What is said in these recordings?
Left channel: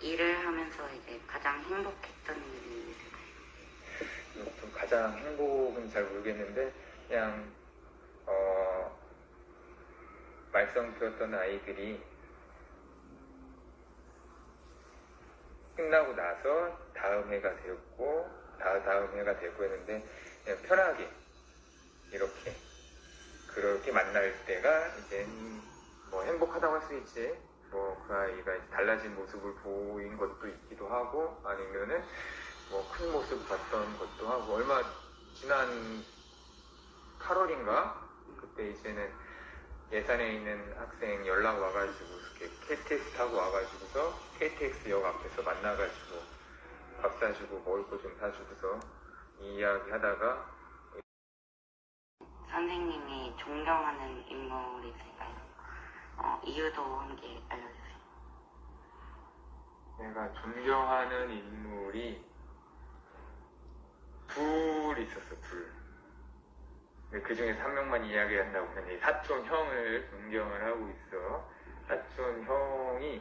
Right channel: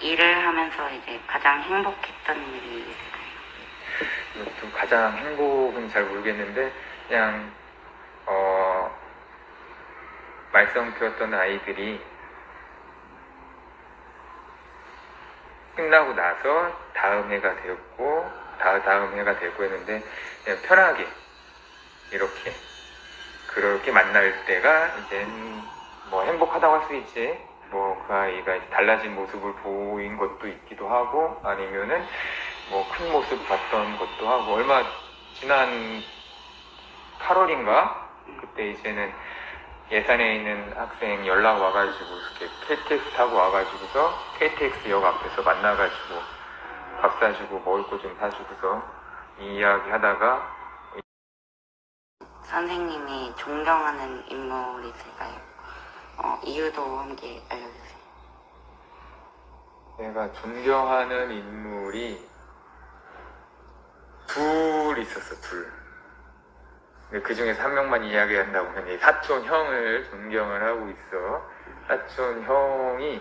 일을 하면서 이제 가장 행복했던 일이 있을까요? 이것도 가장 행복은 잘 모르겠는데 그냥 말썽 피웠던 아이들이 끝나고 나서 다음 해가 되었고 다음 해가 되고 했는데 그냥 편하게 이렇게 그렇게 만날 때가 이제 뭐 행복하다고 할 수 있지. 뭐 그 아이가 달라진 모습을 보인 것도 있기도 하고 아니면은 뭐 큰 모습 봤던 것도 하고 얼마 지난 8월인가 그때 이제는 예산에 있는 학생 연락 와가지고 이렇게 KTX 타고 와가지고서 KTX역 앞에서 만나가지고 밥 사주고 먹을 거 좀 사주고서 이 이야기 하다가 선생님이 존경하는 인물이 있을까요? 이유도 함께 알려주세요. 내가 존경하는 인물이 둘 있었어, 둘. 그 중에서 한 명만 이야기한다고 하면 사촌 형을 존경을 하고 있어. 사촌 형이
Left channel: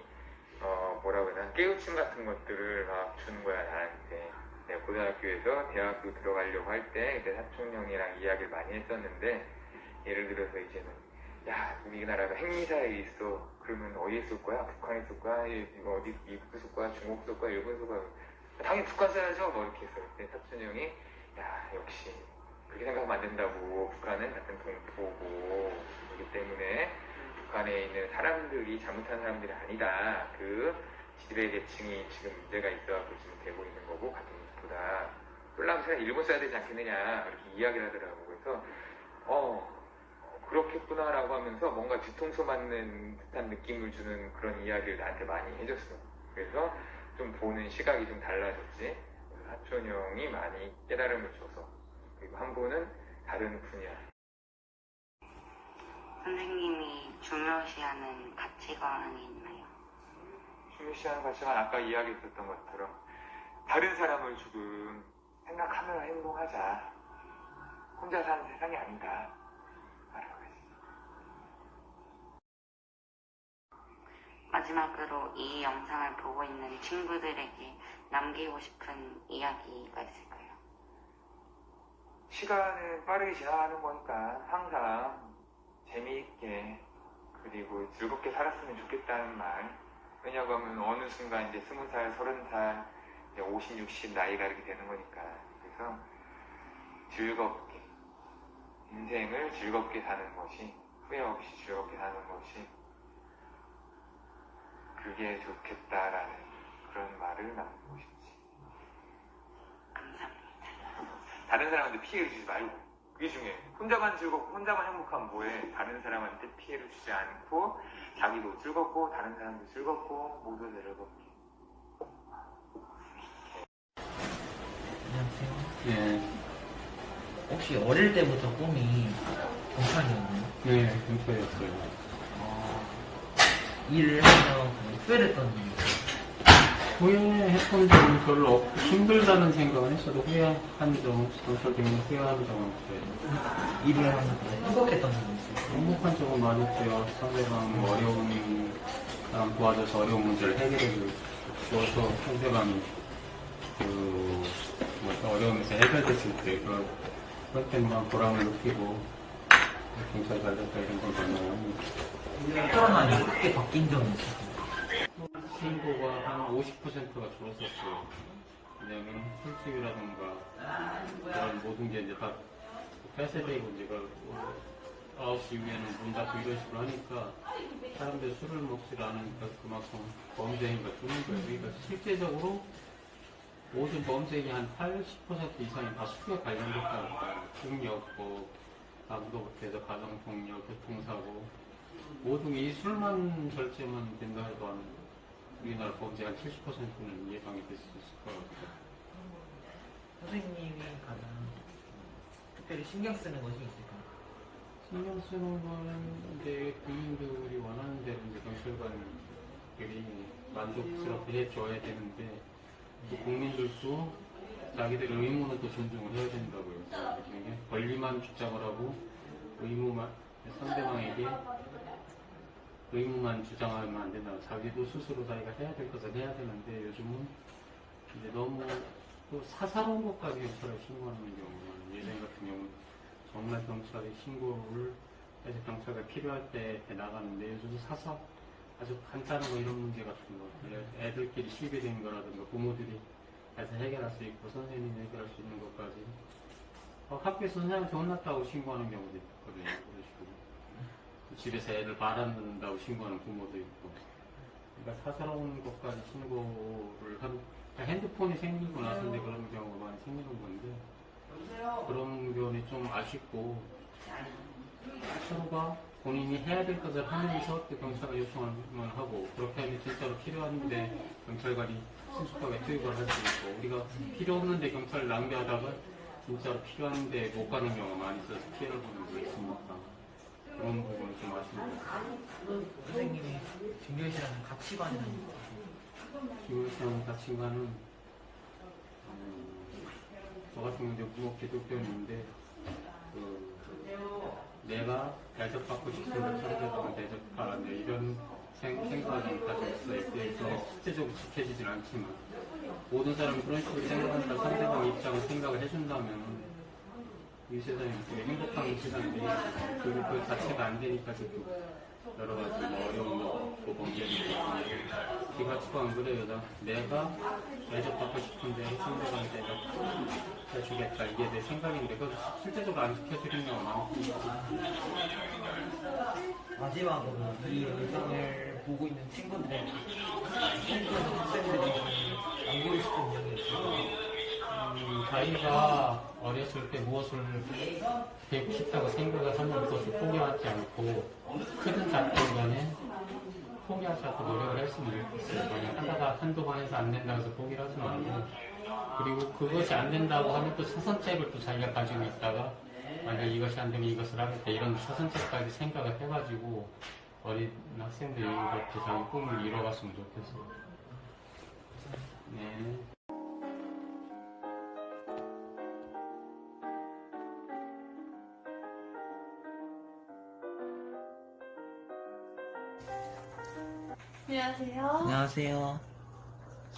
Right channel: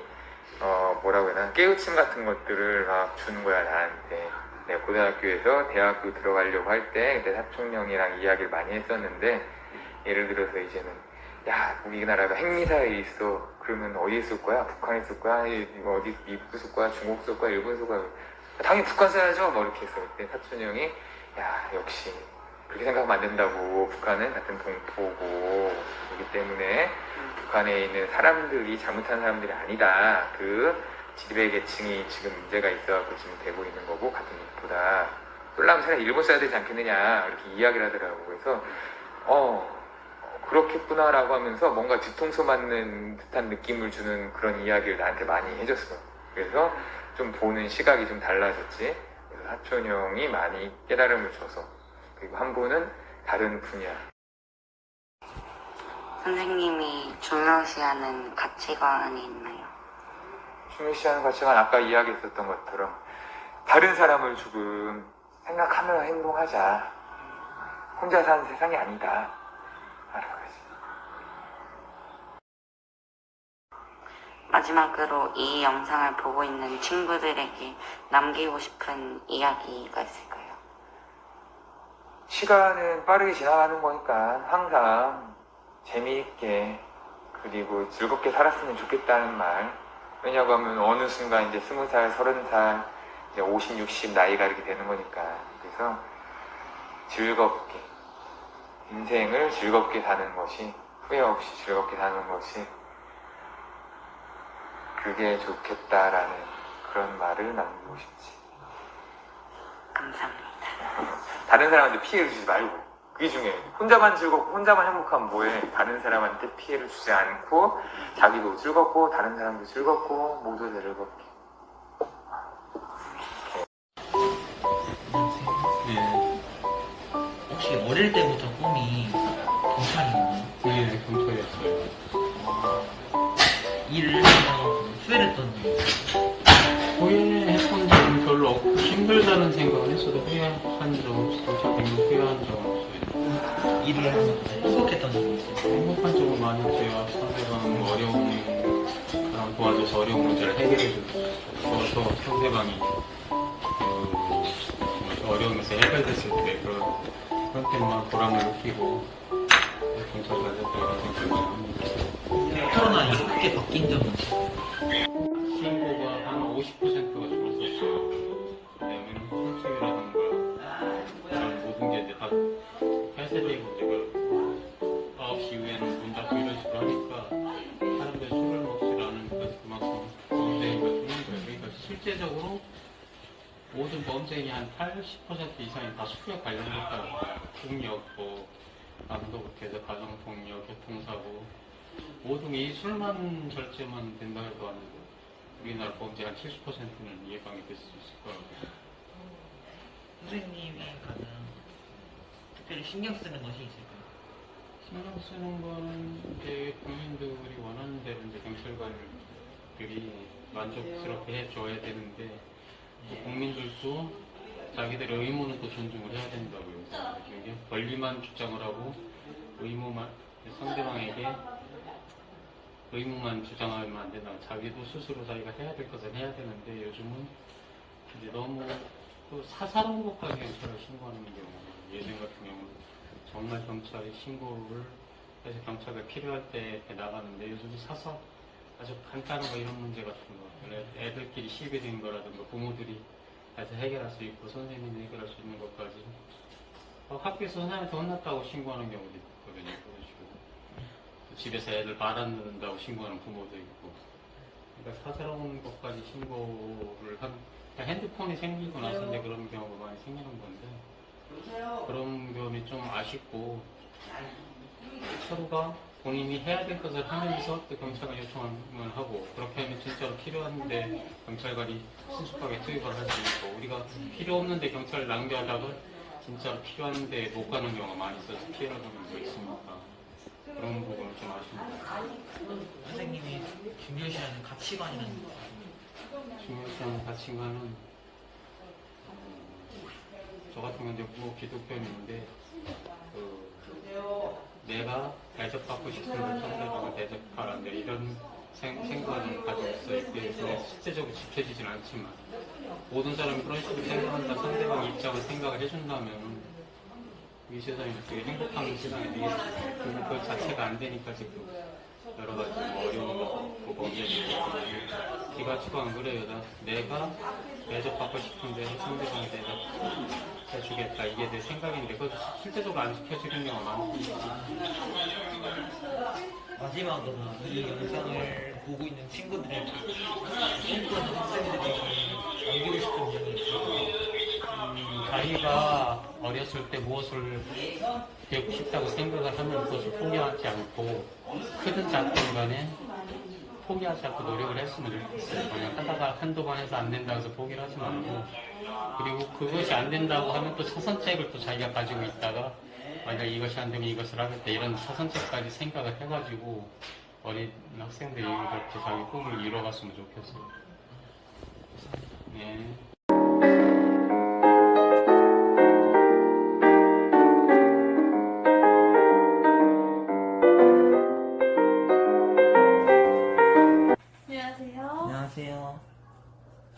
뭐라고 해야 되나 깨우침 같은 것들을 막 주는 거야 나한테. 내가 고등학교에서 대학교 들어가려고 할 때 그때 사촌 형이랑 이야기를 많이 했었는데 예를 들어서 이제는 야 우리나라가 핵미사일이 있어. 그러면 어디 쏠 거야? 북한에 쏠 거야? 이거 어디 미국 쏠 거야? 중국 쏠 거야? 일본 쏠 거야? 당연히 북한 쏴야죠. 뭐 이렇게 했어. 그때 사촌 형이 야 역시 그렇게 생각하면 안 된다고. 북한은 같은 동포고 그렇기 때문에 북한에 있는 사람들이 잘못한 사람들이 아니다. 그 지배 계층이 지금 문제가 있어갖고 지금 되고 있는 거고 같은 동포다. 쏠라면 차라리 일본 써야 되지 않겠느냐 이렇게 이야기를 하더라고. 그래서 그렇겠구나라고 하면서 뭔가 뒤통수 맞는 듯한 느낌을 주는 그런 이야기를 나한테 많이 해줬어. 그래서 좀 보는 시각이 좀 달라졌지. 그래서 사촌 형이 많이 깨달음을 줘서. 그리고 한 분은 다른 분야. 선생님이 중요시하는 가치관이 있나요? 중요시하는 가치관 아까 이야기했었던 것처럼 다른 사람을 조금 생각하며 행동하자. 혼자 사는 세상이 아니다. 마지막으로 이 영상을 보고 있는 친구들에게 남기고 싶은 이야기가 있을까요? 시간은 빠르게 지나가는 거니까 항상 재미있게 그리고 즐겁게 살았으면 좋겠다는 말. 왜냐고 하면 어느 순간 이제 20살, 30살, 이제 50, 60 나이가 이렇게 되는 거니까. 그래서 즐겁게 인생을 즐겁게 사는 것이 후회 없이 즐겁게 사는 것이 그게 좋겠다라는 그런 말을 남기고 싶지. 감사합니다. 다른 사람한테 피해를 주지 말고 그게 중요해. 혼자만 즐겁고 혼자만 행복하면 뭐해. 다른 사람한테 피해를 주지 않고 자기도 즐겁고 다른 사람도 즐겁고 모두 즐겁게. 네. 혹시 어릴 때부터 꿈이 경찰이었나요? 네, 경찰이었어요. 일을 해서 후회했던 일. 후회했던 적은 별로 없고 힘들다는 생각은 했어도 후회한 적 없어요. 경찰 된 거 후회한 적은 없어요. 일을 하면서 행복했던 일이 있어요. 행복한 적은 많이 있어요. 상대방 어려운 사람 도와줘서 어려운 문제를 해결해줘서 상대방이 어려움에서 해결됐을 때 그럴 때만 보람을 느끼고 경찰 잘 됐다 이런 생각을 많이 합니다. 코로나 이후 크게 바뀐 점은 있어요. 신고가 한 50%가 줄었었어요. 왜냐면 술집이라든가 이런 모든 게 이제 다 폐쇄되고 이제 9시 이후에는 문 닫고 이런 식으로 하니까 사람들이 술을 먹지 않으니까 그만큼 범죄가 주는 거예요. 그러니까 실제적으로 모든 범죄의 한 80% 이상이 다 술에 관련됐다고. 폭력, 강도부터 해서 가정폭력, 교통사고 모든 이 술만 절제만 된다 해도 한 우리나라 범죄 한 70%는 예방이 될 수 있을 것 같아요. 선생님이 가장 특별히 신경 쓰는 것이 있을까요? 신경 쓰는 거는 이제 국민들이 원하는 대로 이제 경찰관들이 만족스럽게 해줘야 되는데 또 국민들도 자기들의 의무는 또 존중을 해야 된다고요. 이게 권리만 주장을 하고 의무만 상대방에게 의무만 주장하면 안 된다고 자기도 스스로 자기가 해야 될 것을 해야 되는데 요즘은 이제 너무 그 사사로운 것까지 경찰에 신고하는 경우는 예전 같은 경우는 정말 경찰에 신고를 해서 경찰가 필요할 때 나가는데 요즘 아주 간단한 거 이런 문제 같은 거 애들끼리 시비 된 거라든가 부모들이 다시 해결할 수 있고 선생님이 해결할 수 있는 것까지 학교에서 선생님한테 혼났다고 신고하는 경우도 있거든요. 그러시고 집에서 애들 말 안 듣는다고 신고하는 부모도 있고 그러니까 사사로운 것까지 신고를 한 핸드폰이 생기고 나서 이제 그런 경우가 많이 생기는 건데 그런 점이 좀 아쉽고 서로가 본인이 해야 될 것을 하면서 또 경찰을 요청을 하고 그렇게 하면 진짜로 필요한데 경찰관이 신속하게 투입을 할 수 있고 우리가 필요 없는데 경찰을 낭비하다가 진짜로 필요한데 못 가는 경우가 많이 있어서 피해를 보는 게 있으니까 그런 부분이 좀 아쉽습니다. 선생님이 중요시하는 가치관이라는 중요시하는 가치관은 저 같은 경우는 무엇 기독교인인데 내가 대접받고 싶은 상대방을 대접하라 이런 생각을 가지고 있어요. 그게 실제적으로 지켜지진 않지만 모든 사람이 그런 식으로 생각한다 상대방의 입장을 생각을 해준다면 이 세상이 이렇게 행복한 세상이 그 자체가 안 되니까 지금 여러 가지 뭐 어려운 거 보고 문제도 있고 이 가치관 그래요. 내가 대접받고 싶은데 상대방이 대접해주겠다 이게 내 생각인데 그것도 실제적으로 안 지켜지는 경우가 많습니다. 마지막으로 이 영상을 보고 있는 친구들에게 친구는 학생들이 남기고 싶은 이야기 있어요. 자기가 어렸을 때 무엇을 배우고 싶다고 생각을 하면 그것을 포기하지 않고 크든 작든 간에 포기하지 않고 노력을 했으면 좋겠어요. 만약 하다가 한두 번 해서 안 된다고 해서 포기를 하지 말고 그리고 그것이 안 된다고 하면 또 차선책을 또 자기가 가지고 있다가 만약 이것이 안 되면 이것을 하겠다 이런 차선책까지 생각을 해가지고 어린 학생들이 이렇게 자기 꿈을 이뤄갔으면 좋겠어요. 네. 안녕하세요. 안녕하세요.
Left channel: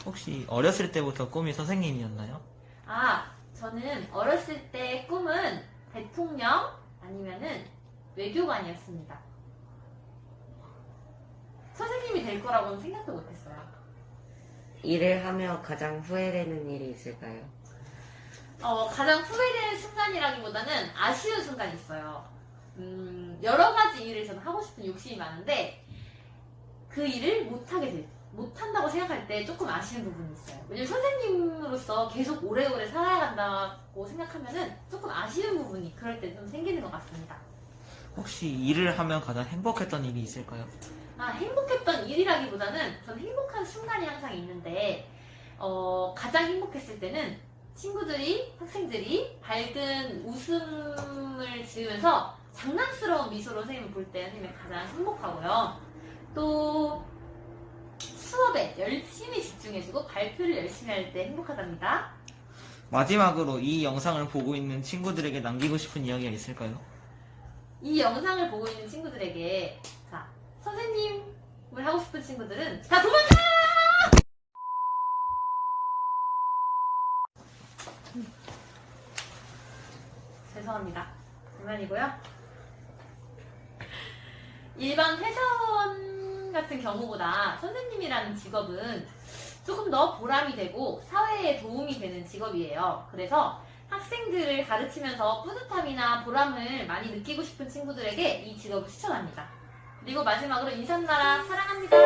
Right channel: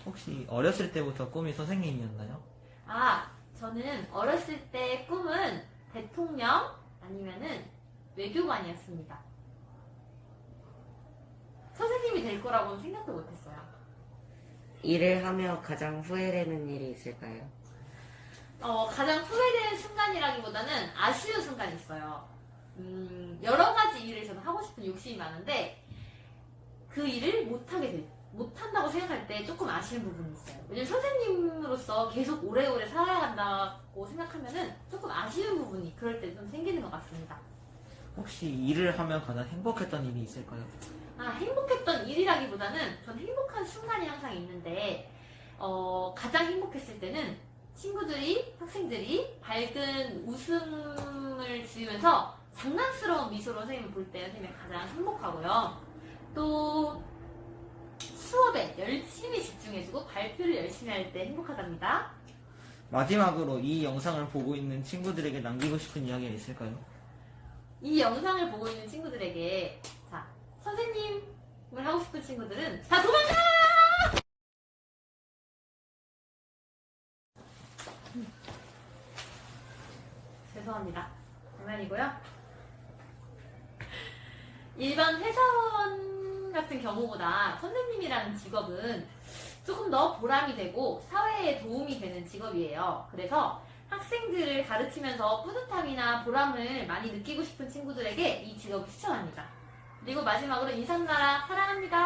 혹시 어렸을 때부터 꿈이 선생님이었나요? 저는 어렸을 때 꿈은 대통령 아니면은 외교관이었습니다. 선생님이 될 거라고는 생각도 못했어요. 일을 하며 가장 후회되는 일이 있을까요? 가장 후회되는 순간이라기보다는 아쉬운 순간이 있어요. 여러 가지 일을 저는 하고 싶은 욕심이 많은데 그 일을 못한다고 생각할 때 조금 아쉬운 부분이 있어요. 왜냐면 선생님으로서 계속 오래오래 살아간다고 생각하면은 조금 아쉬운 부분이 그럴 때 좀 생기는 것 같습니다. 혹시 일을 하면 가장 행복했던 일이 있을까요? 행복했던 일이라기보다는 전 행복한 순간이 항상 있는데 가장 행복했을 때는 친구들이, 학생들이 밝은 웃음을 지으면서 장난스러운 미소로 선생님을 볼 때 선생님이 가장 행복하고요. 또 수업에 열심히 집중해주고 발표를 열심히 할 때 행복하답니다. 마지막으로 이 영상을 보고 있는 친구들에게 남기고 싶은 이야기가 있을까요? 이 영상을 보고 있는 친구들에게 선생님을 하고 싶은 친구들은 다 도망가! 죄송합니다. 장난이고요. 일반 회사원 같은 경우보다 선생님이라는 직업은 조금 더 보람이 되고 사회에 도움이 되는 직업이에요. 그래서 학생들을 가르치면서 뿌듯함이나 보람을 많이 느끼고 싶은 친구들에게 이 직업을 추천합니다. 그리고 마지막으로 인삼나라 사랑합니다.